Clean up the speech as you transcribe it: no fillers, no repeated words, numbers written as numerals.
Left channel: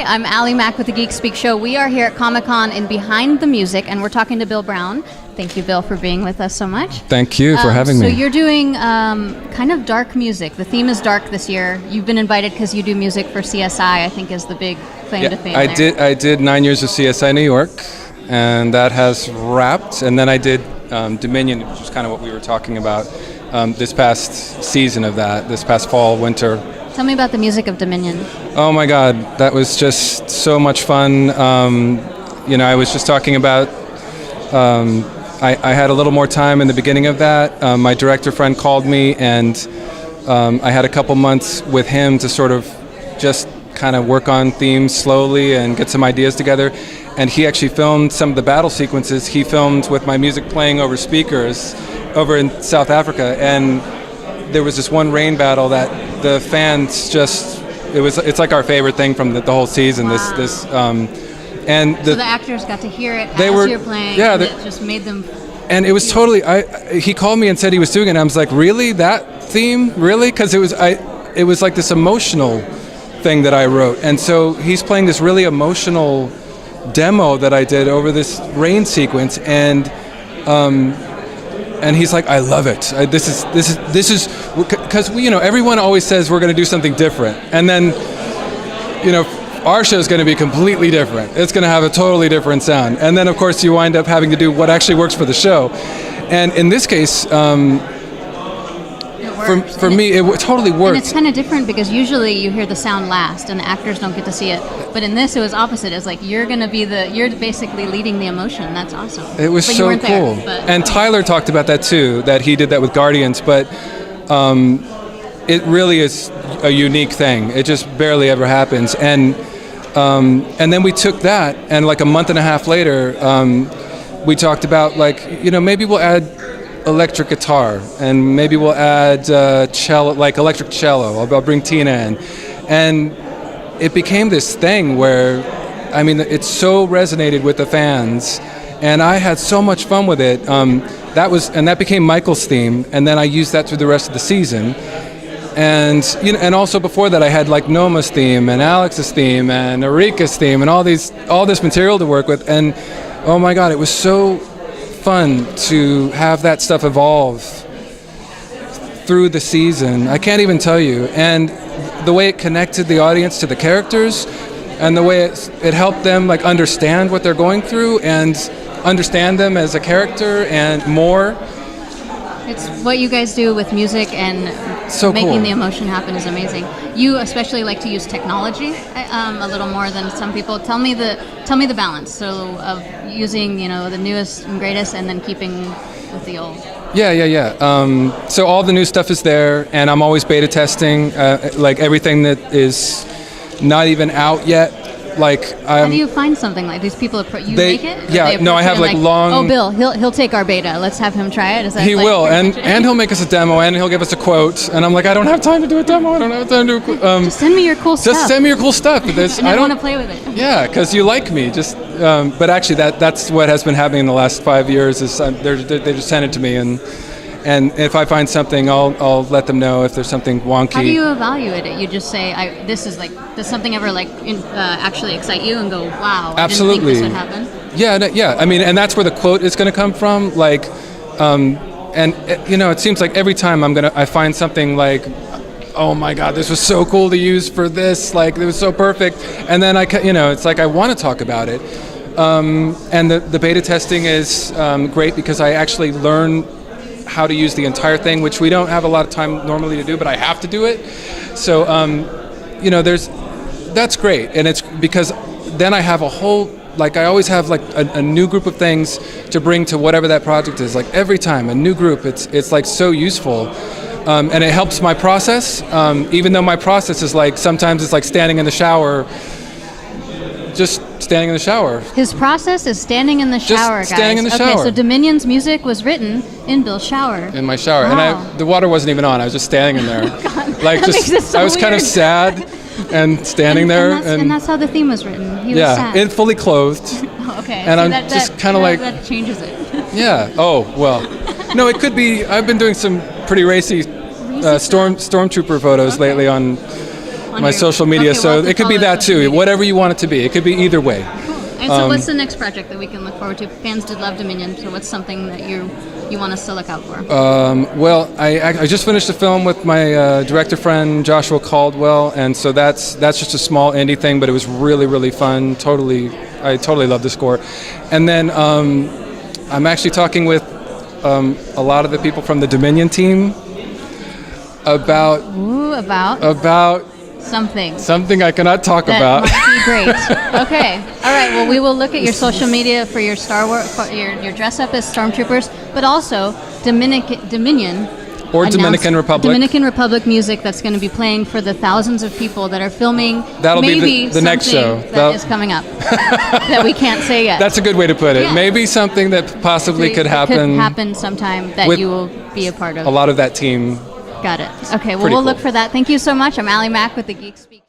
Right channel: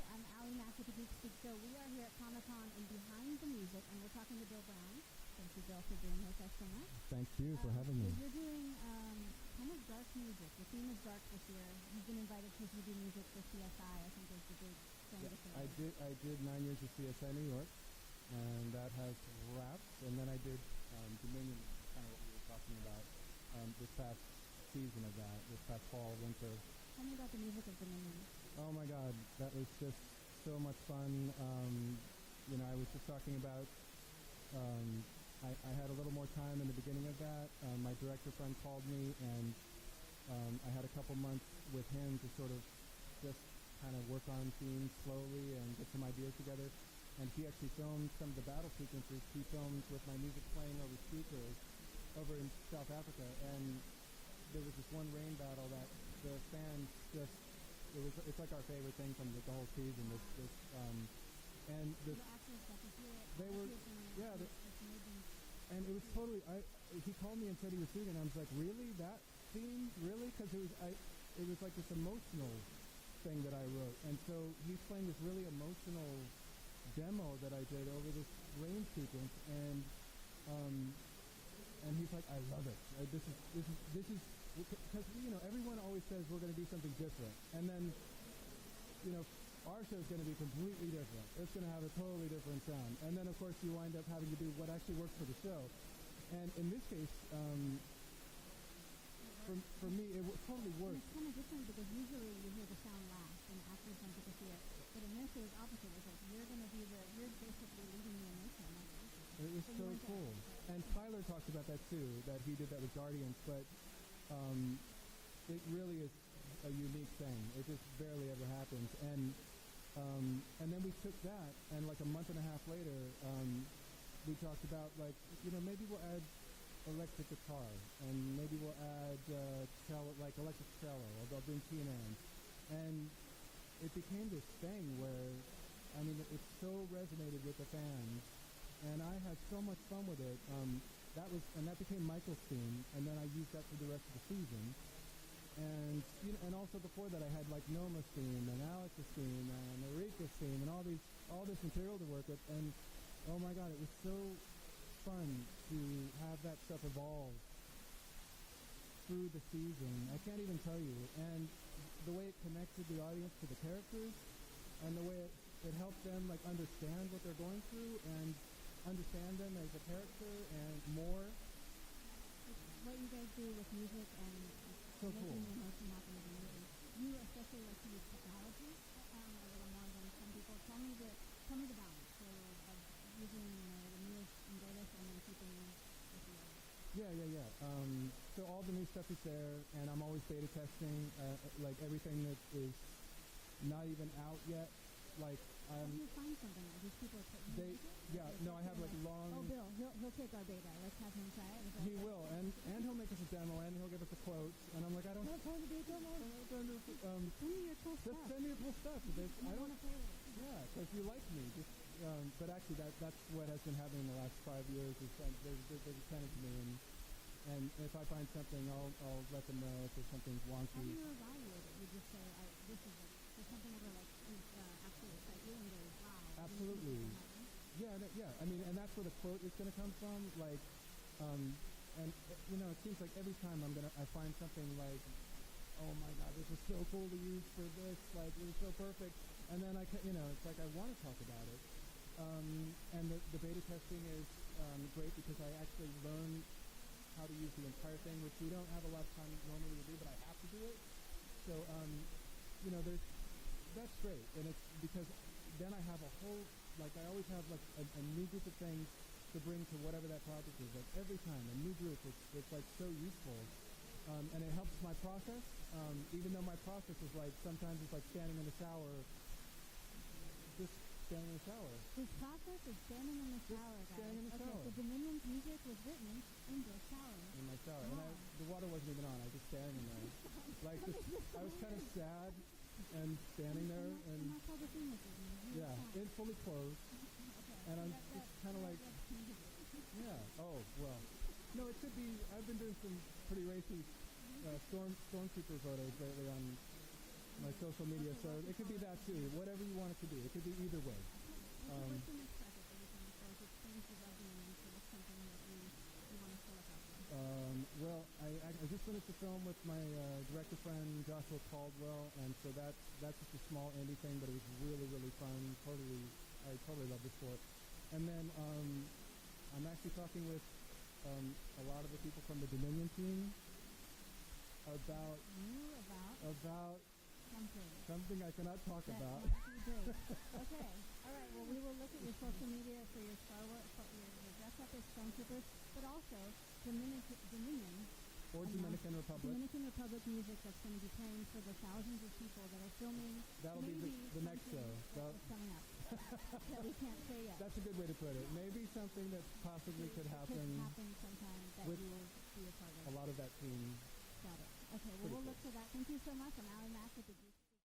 Hi, I'm Allie Mack with the Geek Speak Show. We are here at Comic-Con in Behind the Music, and we're talking to Bill Brown. Thank you, Bill, for being with us so much. Thank you for having me. So you're doing kind of dark music. The theme is dark this year. You've been invited because you do music for CSI, I think is the big claim to fame there. I did 9 years of CSI New York, and that has wrapped. And then I did Dominion, which is kind of what we were talking about this past season of that, this past fall, winter. Tell me about the music of Dominion. Oh my God, that was just so much fun. I was just talking about, I had a little more time in the beginning of that. My director friend called me, and I had a couple months with him to sort of just kind of work on themes slowly and get some ideas together. And he actually filmed some of the battle sequences. He filmed with my music playing over speakers over in South Africa. And there was this one rain battle that the fans just, it's like our favorite thing from the whole season. Wow. So the actors got to hear it as you're playing, and it just made them... And it was totally, he called me and said he was doing it, and I was like, really? That theme? Really? Because it was like this emotional thing that I wrote. And so he's playing this really emotional demo that I did over this rain sequence, and he's like, I love it. This is, because everyone always says we're going to do something different, and then, our show is going to be completely different. It's going to have a totally different sound, and then of course you wind up having to do what actually works for the show. And in this case, for me, it totally worked. And it's kind of different because usually you hear the sound last, and the actors don't get to see it. But in this, it was opposite. It's like you're basically leading the emotion. That's awesome. It was so cool. And Tyler talked about that too, that he did that with Guardians. But it really is a unique thing. It just barely ever happens. And then we took that, and like a month and a half later, we talked about maybe we'll add electric guitar, and maybe we'll add cello, like electric cello. I'll bring Tina in, and it became this thing where, it so resonated with the fans, and I had so much fun with it. That became Michael's theme, and then I used that through the rest of the season. And and also before that, I had like Noma's theme and Alex's theme and Erika's theme and all this material to work with. And oh my God, it was so fun to have that stuff evolve through the season. I can't even tell you. And the way it connected the audience to the characters, and the way it helped them understand what they're going through and understand them as a character and more. It's what you guys do with music and so making cool. The emotion happen is amazing. You especially like to use technology a little more than some people. Tell me the balance. So of using the newest and greatest, and then keeping with the old. Yeah. So all the new stuff is there, and I'm always beta testing everything that is not even out yet. How do you find something like these people? Make it? Yeah, no, I have long. Oh, Bill, he'll take our beta. Let's have him try it. Is that he will, and he'll make us a demo, and he'll give us a quote. And I'm like, I don't have time to do a demo. I don't have time to do. Just send me your cool stuff. Just send me your cool stuff. I want to play with it. Yeah, because you like me. But actually, that's what has been happening in the last 5 years. Is they just send it to me, and if I find something, I'll let them know if there's something wonky. How do you evaluate it? You just say, does something ever actually excite you and go, wow, Absolutely. I didn't think this would happen? Yeah. And that's where the quote is going to come from. It seems like every time I find something oh my God, this was so cool to use for this. It was so perfect. And then it's like I want to talk about it. And the beta testing is great because I actually learn how to use the entire thing, which we don't have a lot of time normally to do, but I have to do it. So, that's great. And it's because then I have a whole, I always have a new group of things to bring to whatever that project is. Every time, a new group, it's so useful. And it helps my process, even though my process is sometimes it's standing in the shower, just standing in the shower. His process is standing in the shower, guys. Just standing in the shower. Okay, so Dominion's music was written in Bill's shower. In my shower. Wow. And the water wasn't even on. I was just standing in there. God, that makes it so I was kind of weird. sad and standing there. And that's how the theme was written. He was sad. And fully clothed. Oh, okay. And See, I'm that, just kind of that changes it. Yeah. Oh, well. No, it could be. I've been doing some pretty racy stormtrooper photos lately on On my your- social media. okay, So we'll have to it could be follow that social too. media. Whatever you want it to be. It could be either way. And so, what's the next project that we can look forward to? Fans did love Dominion, so what's something that you want us to look out for? Well, I just finished a film with my director friend Joshua Caldwell, and so that's just a small indie thing, but it was really fun. I totally love the score. And then I'm actually talking with a lot of the people from the Dominion team about Something I cannot talk that about. might be great. Okay, all right. Well, we will look at your social media for your Star Wars, for your dress up as stormtroopers, but also Dominion. Or announced Dominican Republic. Dominican Republic music that's going to be playing for the thousands of people that are filming. That'll be maybe the next show. That is coming up that we can't say yet. That's a good way to put it. Yeah. Maybe something that possibly could happen. Could happen sometime that with you will be a part of. A lot of that team. Got it. Okay, well, Pretty we'll cool. look for that. Thank you so much. I'm Allie Mack with the Geek Speak.